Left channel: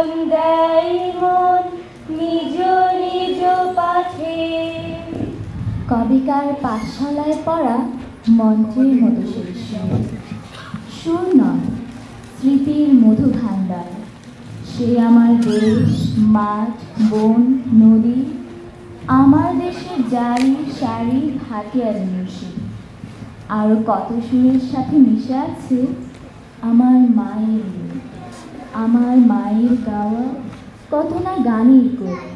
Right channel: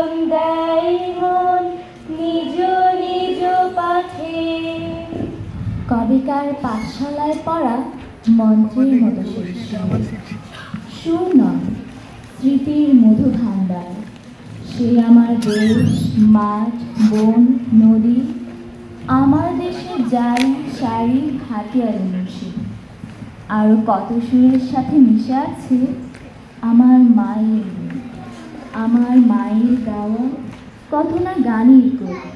জীবন দেয় মন নিজ নিজ পাঠে। কবিকার পাঠশালায় পড়া মন্ত্রের মতো সুর নয়, স্মৃতির মধু ভাণ্ডার। সে আমার দেশ, মাঠ, বন, নদী, আমার দেশে জারি শাড়ি হাতিয়ার মুশি। আরো কত সুরের সাথে মিশে আছে আমার মায়ের, আমার মায়ের গাওয়া কত না গানের কবি।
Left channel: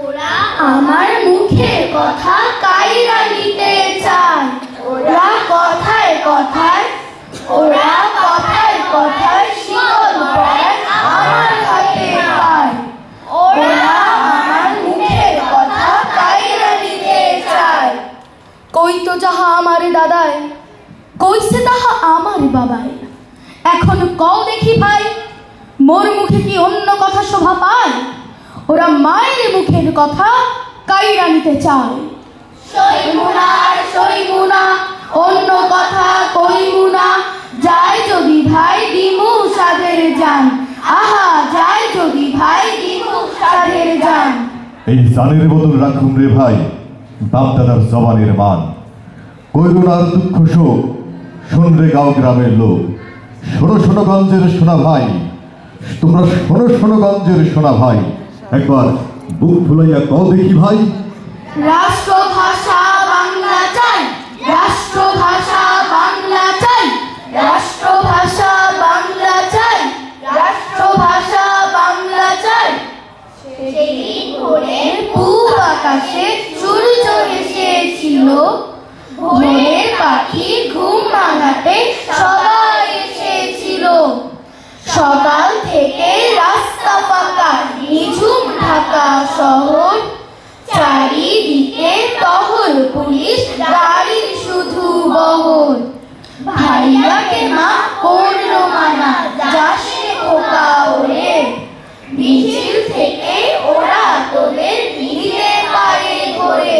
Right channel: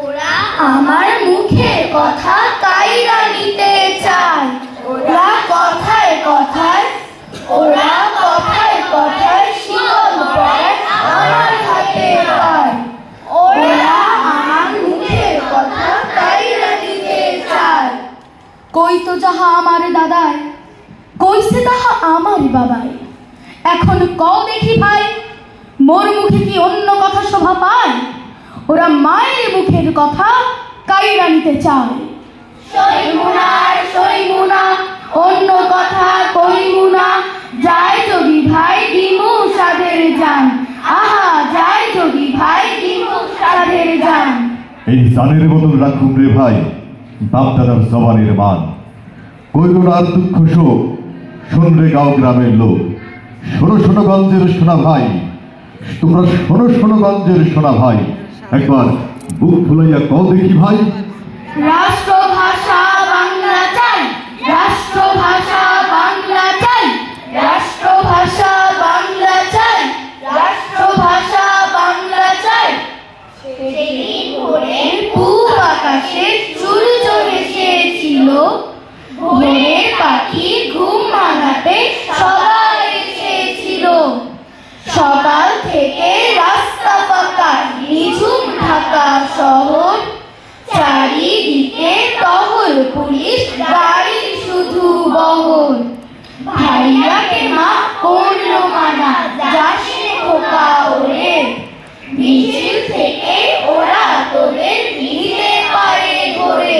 ওরা আমার মুখের কথা কাইরা নিতে চায়, ওরা কথায় কথায়, ওরা কথায় কথায় শীতল পড়ে আমার হাতে পায়। ওরা আমার মুখের কথা কাইরা নিতে চায়। কই তো যাহা আমার দাদায়, কইছে তাহা আমার বাবাই। এখন কও দেখি ভাই, মোর মুখে কি অন্য কথা শোভা পায়? ওরা মায়ের মুখের কথা কাইরা নিতে চায়। সইমুনা অন্য কথা কইমুনা, যায় যদি ভাই দিমু সাধের জান। আহা যায় যদি ভাই দিমু সাধের জান। এই জানের বদল রাখুন রে ভাই বাপ দাদার জবানের মান। কৈরুনার দুঃখ শোক শুনবে গাঁও গ্রামের লোক। শোনো শোনো গঞ্জের সোনা ভাই, তোমরা শোনো শোনো গঞ্জের সোনা ভাই। একবার বুক ফুলাইয়া কও দেখি ভাই, রাষ্ট্রভাষা বাংলা চাই, রাষ্ট্রভাষা বাংলা চাই, রাষ্ট্রভাষা বাংলা চাই, রাষ্ট্রভাষা বাংলা চাই। সেদিন ভোরের পূব আকাশে সূর্য এসেছিল, ভোরের পাখি ঘুম ভাঙাতে সবাই এসেছিল। সকাল থেকে রাস্তা ফাঁকা, নিঝুম ঢাকা শহর, চারিদিকে টহল পুলিশ, গাড়ি শুধু বহর। ভাইয়াকে মা করলো মানা, যাসে খোকা ওরে, মিছিল থেকে ওরা তোদের দিতে পারে ঘরে।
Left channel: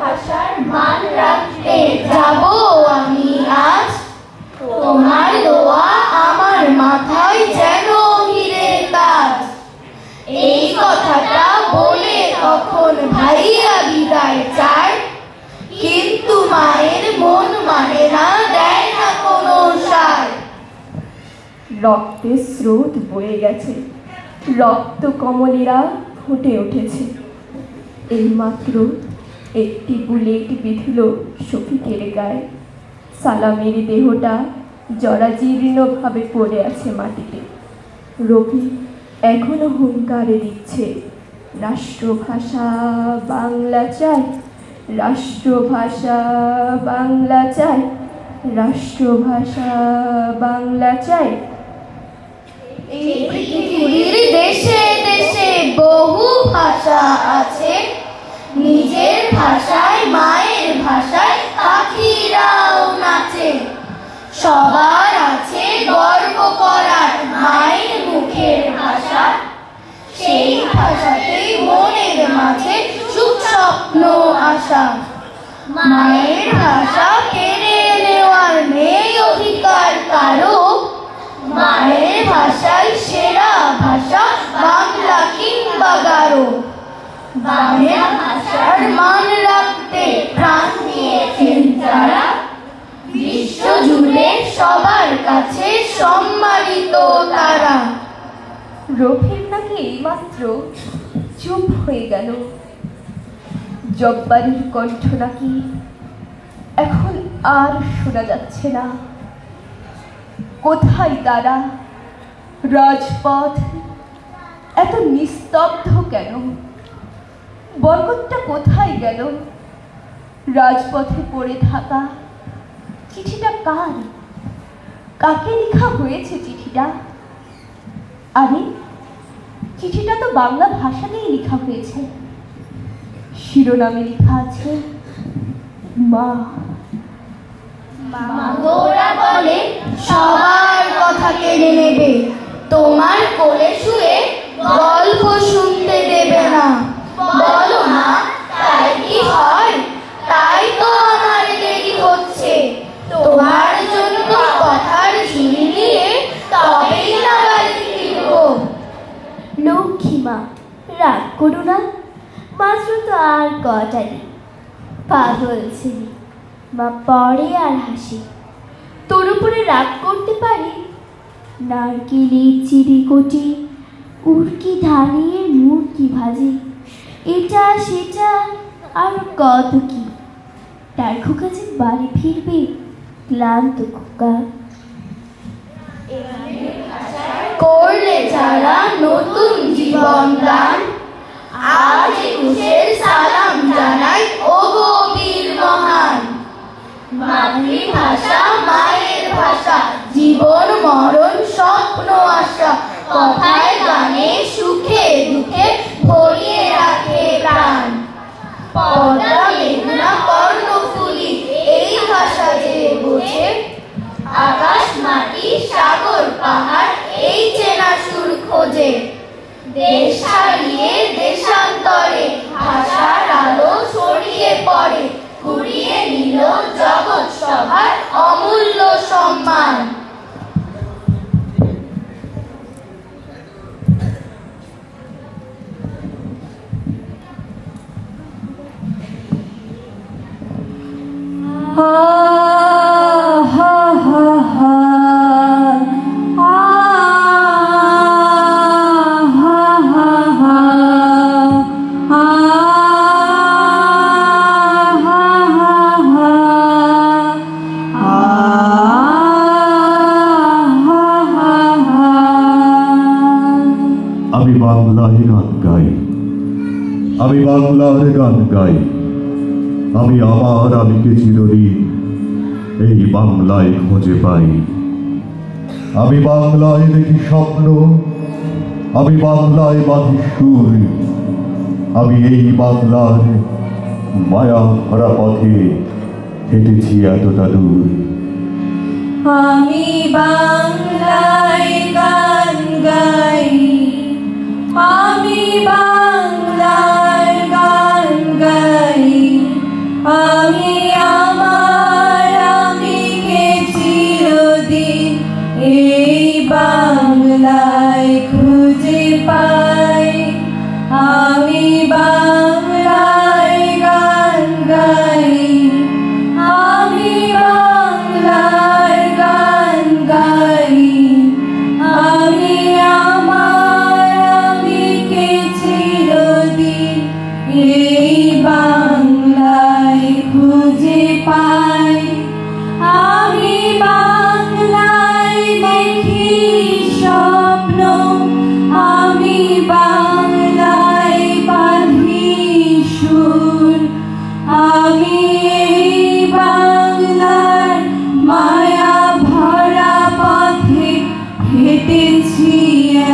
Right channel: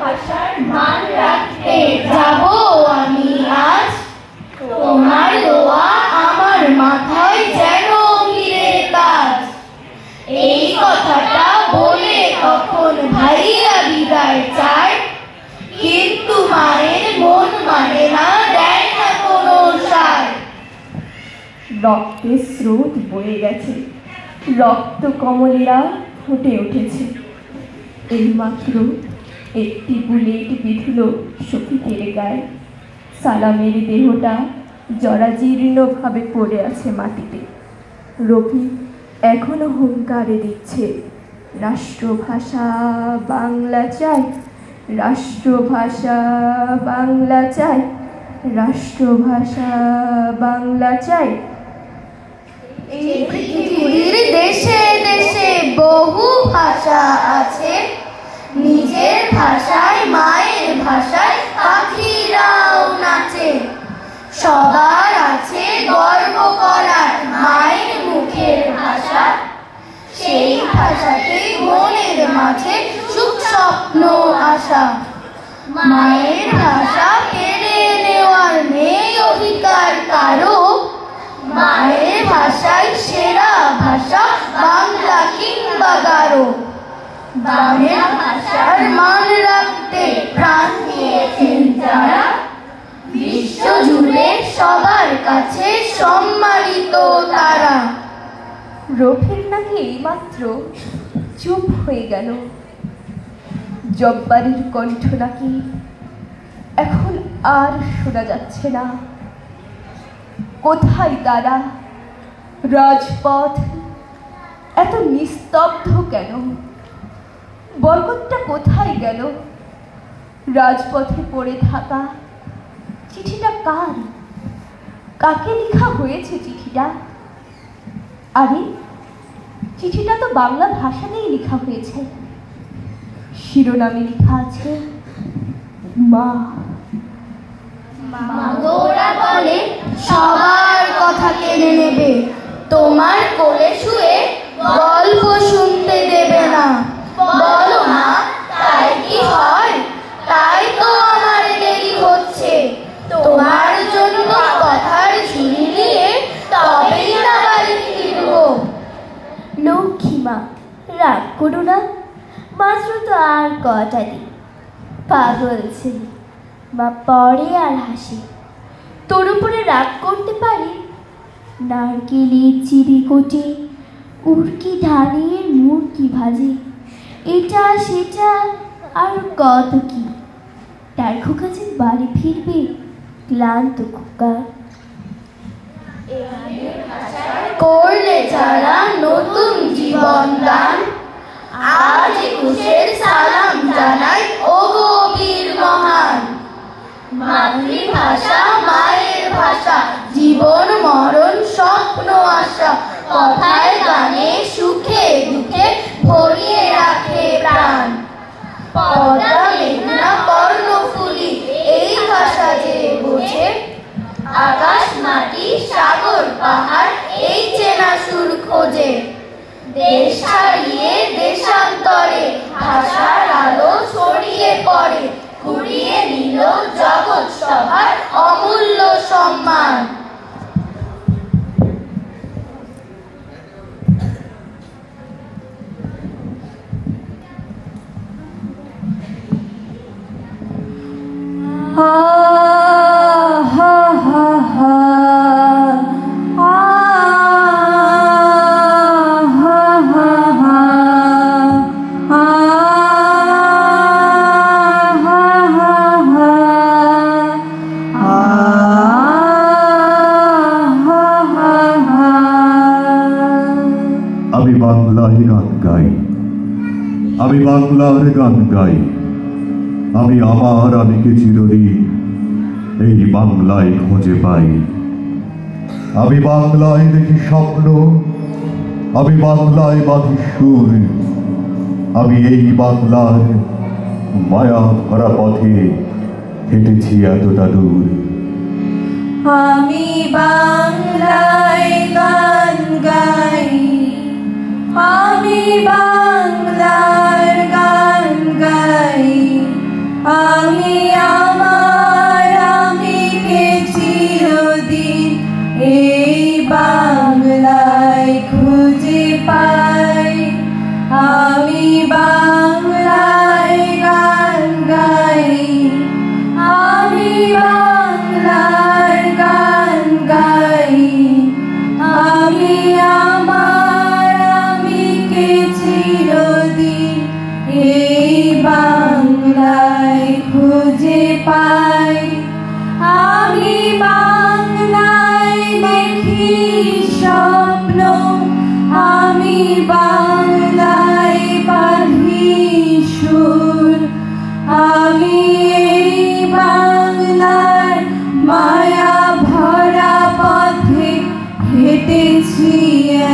ভাষার মান রাখতে যাব আমি আজ, তোমার দোয়া আমার মাথায় যেন হিরে তাজ। এই কথাটা বলে তখন ভাইয়া বিদায় চায়, কিন্তু মায়ের মন মানে না, দেয় না কোনো সায়। রক্তের স্রোত বয়ে গেছে, রক্ত কমলেরা ফুটে উঠেছে। এইমাত্র একটি বুলেট বিঁধল শফিকের গায়ে। সালামের দেহটা জরাজীর্ণভাবে পড়ে আছে মাটিতে। রবি এখনো হুঙ্কারে দিচ্ছে, রাষ্ট্রভাষা বাংলা চাই, রাষ্ট্রভাষা বাংলা চাই, রাষ্ট্রভাষা বাংলা চাই। দেশে দেশে বহু ভাষা আছে, নিজের ভাষায় মায়ের ভাষায় পাখিরাও নাচে। সবার আছে গর্ব করার মায়ের মুখের ভাষা, সেই ভাষাতে মনের মাঝে সুখ স্বপ্ন আশা। মায়ের ভাষা কেড়ে নেওয়ার নেই অধিকার কারো, মায়ের ভাষাই সেরা ভাষা বাংলা কিংবা গারো। বাংলা ভাষার মান রাখতে প্রাণ দিয়েছেন যারা, বিশ্ব জুড়ে সবার কাছে সম্মানিত তারা। রফিক নাকি এইমাত্র চুপ হয়ে গেল। জব্বারির কণ্ঠ নাকি এখন আর শোনা যাচ্ছে না। কোথায় তারা? রাজপথ এত নিস্তব্ধ কেন? বরকতটা কোথায় গেল? রাজপথে পড়ে থাকা চিঠিটা কার? কাকে লেখা হয়েছে চিঠিটা? আরে চিঠিটা তো বাংলা ভাষাতেই লেখা হয়েছে। শিরোনামে লেখা আছে মা। ওরা বলে সবার কথা কেড়ে নেবে, তোমার কোলে শুয়ে গল্প শুনতে দেবে না। বলো না তাই কি হয়? তাই তো আমার দেরি হচ্ছে, তোমার জন্য কথার ঝুলি নিয়ে তবেই না বাড়ি মা পড়ে আর হাসে। তোর উপরে রাগ করতে পারি? নারকেলের চিড়ি কোটে উড়কি ধানের মুরকি ভাজে, এটা সেটা আর কত কি। তার খোকা যে বাড়ি ফিরবে ক্লান্ত খোকা। করলে যারা নতুন জীবন দান, আজ একুশের সালাম জানাই ও গো বীর মহান। মাতৃভাষা মায়ের ভাষা, জীবন মরণ স্বপ্ন আশা, কথায় গানে সুখে দুঃখে ভরিয়ে রাখে প্রাণ। পদ্মা মেঘনা কর্ণফুলী এই ভাষা যে বোঝে, আকাশ মাটি সাগর পাহাড় এই চেনা সুর খোঁজে। দেশ ছাড়িয়ে দেশান্তরে ভাষার আলো ছড়িয়ে পড়ে, কুড়িয়ে নিল জগৎ সভার অমূল্য সম্মান। আমি বাংলায় গান গাই, আমি বাংলার গান গাই। আমি আমার আমিকে চিরদিন এই বাংলায় খুঁজে পাই। আমি বাংলায় দেখি স্বপ্ন, আমি বাংলায় বাঁধি সুর। আমি এই বাংলার মায়া ভরা পথে হেঁটেছি এতটা দূর। আমি বাংলায় গান গাই, আমি বাংলার গান গাই। আমি আমার আমিকে চিরদিন এই বাংলায় খুঁজে পাই। আমি বাংলায় গান গাই, আমি বাংলার গান গাই। আমি আমার আমিকে চিরদিন এই বাংলায় খুঁজে পাই। আমি বাংলায় দেখি স্বপ্ন, আমি বাংলায় বাঁধি সুর। আমি এই বাংলার মায়া ভরা পথে হেঁটেছি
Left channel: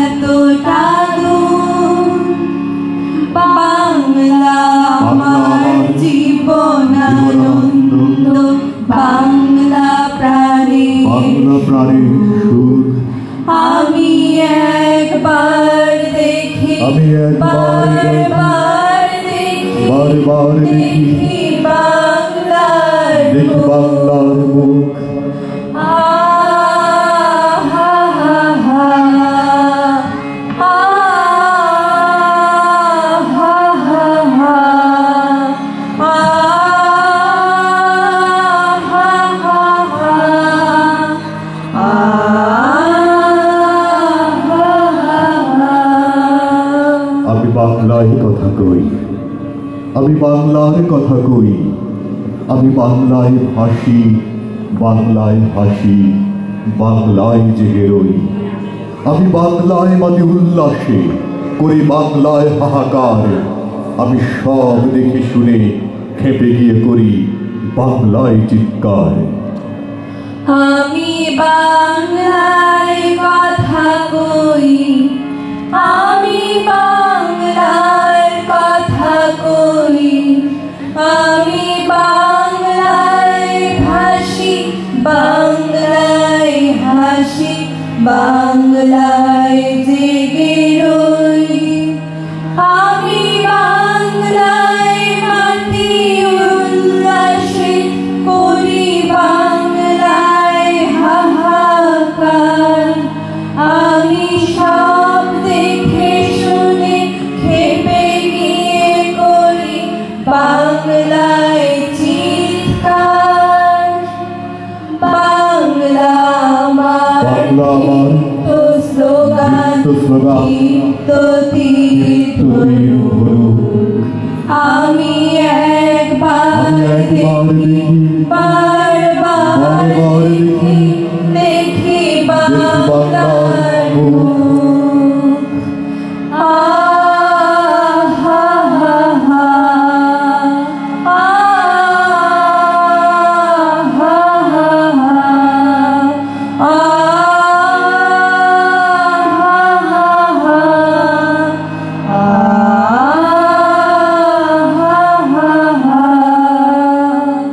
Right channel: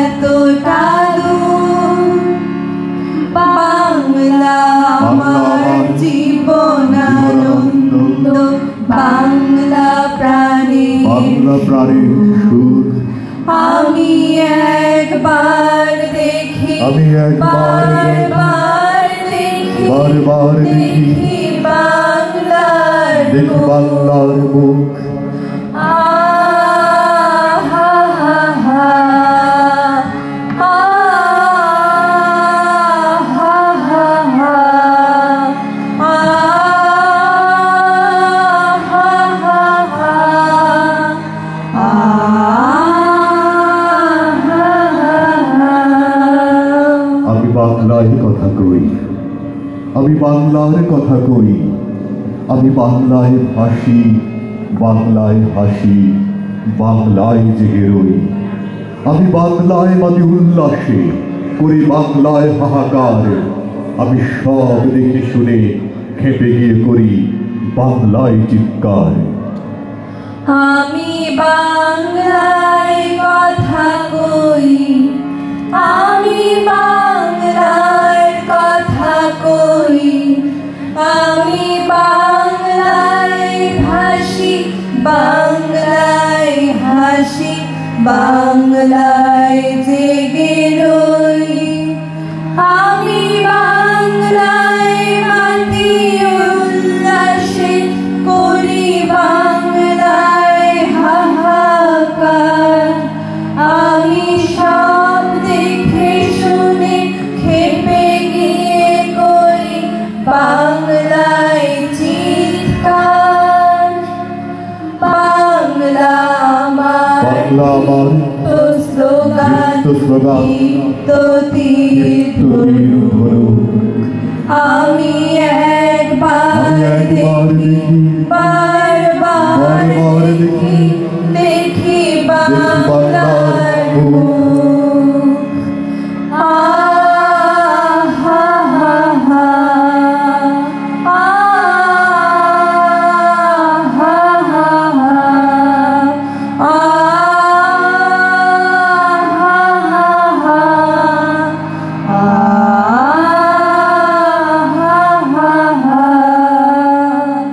এতটা দূর। বাংলা আমার জীবন আনন্দ, বাংলা প্রাণের সুর। আমি একবার দেখি, আমি একবার বারবার দেখি, বারবার দেখি, বাংলার দেখি বাংলার মুখ। আমি বাংলায় কথা কই, আমি বাংলার কথা কই। আমি বাংলায় ভাসি, বাংলায় হাসি, বাংলায় জেগে রই। আমি বাংলায় মাতি উল্লাসে, করি বাংলায় হাহাকার। আমি সব দেখি শুনে খেপে গিয়ে করি বাংলায় চিৎকার। আমি বাংলায় কথা কই, আমি বাংলার কথা কই। আমি বাংলায় ভাসি, বাংলায় হাসি, বাংলায় জেগে রই। আমি বাংলায় মাতি উল্লাসে, করি বাংলায় হাহাকার। আমি সব দেখে শুনে খেপে গিয়ে করি বাংলায় চিৎকার। বাংলা আমার স্লোগান আমি একবার দেখি বারবার দেখি দেখি বাংলার মুখ। আহা হা হা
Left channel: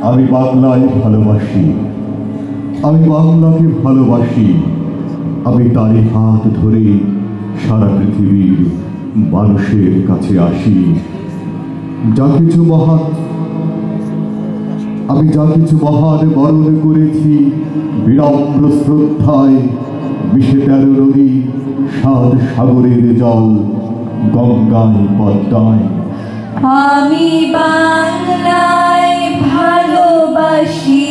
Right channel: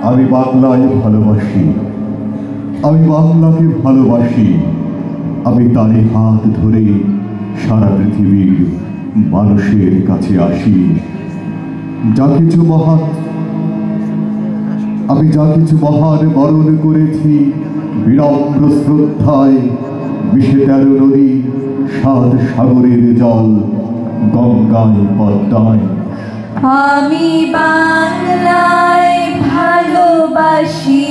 আমি বাংলায় ভালোবাসি, আমি বাংলাকে ভালোবাসি, আমি তারই হাত ধরে সারা পৃথিবীর মানুষের কাছে আসি। যা কিছু মহান বরণ করেছি বিনম্র শ্রদ্ধায়, ২১ নদী ৭ সাগরের জল গঙ্গায় পদ্মায়। আমি বাংলায় ভালোবাসি,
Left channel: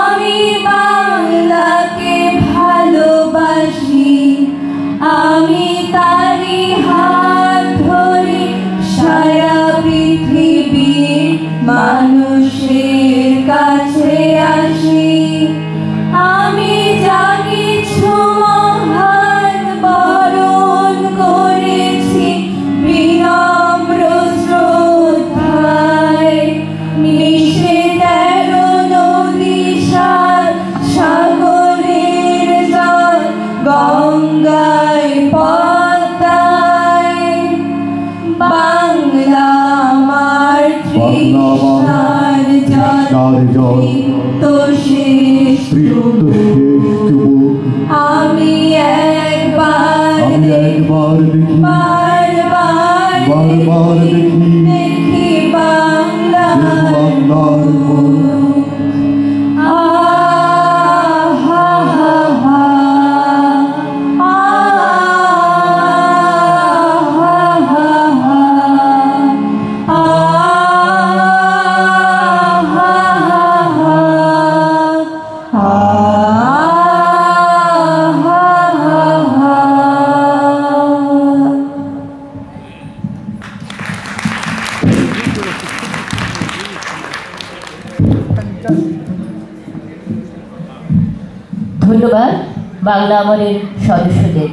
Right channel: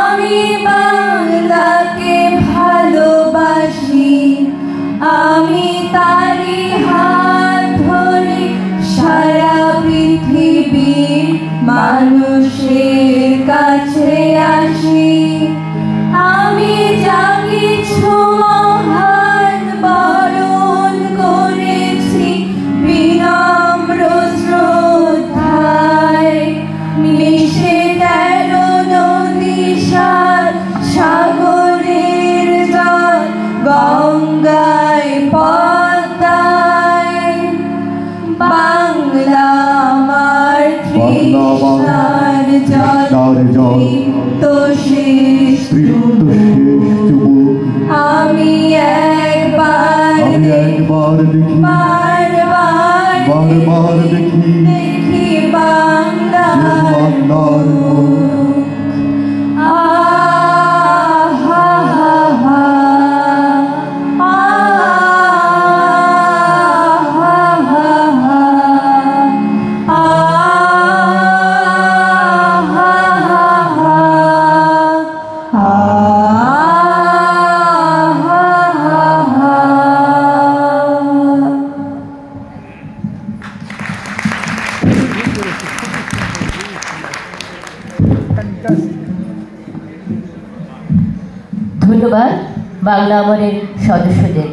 আমি বাংলাকে ভালোবাসি, আমি তারি হাত ধরে সারা পৃথিবীর মানুষের কাছে আসি। আমি যা কিছু মহান বরণ করেছি বিনম্র শ্রদ্ধায়, মিশে ১৩ নদী ৭ সাগরের জল গঙ্গায় পদ্মায়। বাংলা আমার তৃষ্ণার জল তৃপ্ত শেষ আমি একবার দেখি বারবার দেখি বাংলার মুখ। আহা হা হা ধন্যবাদ বাংলা আমারের সদস্যদের।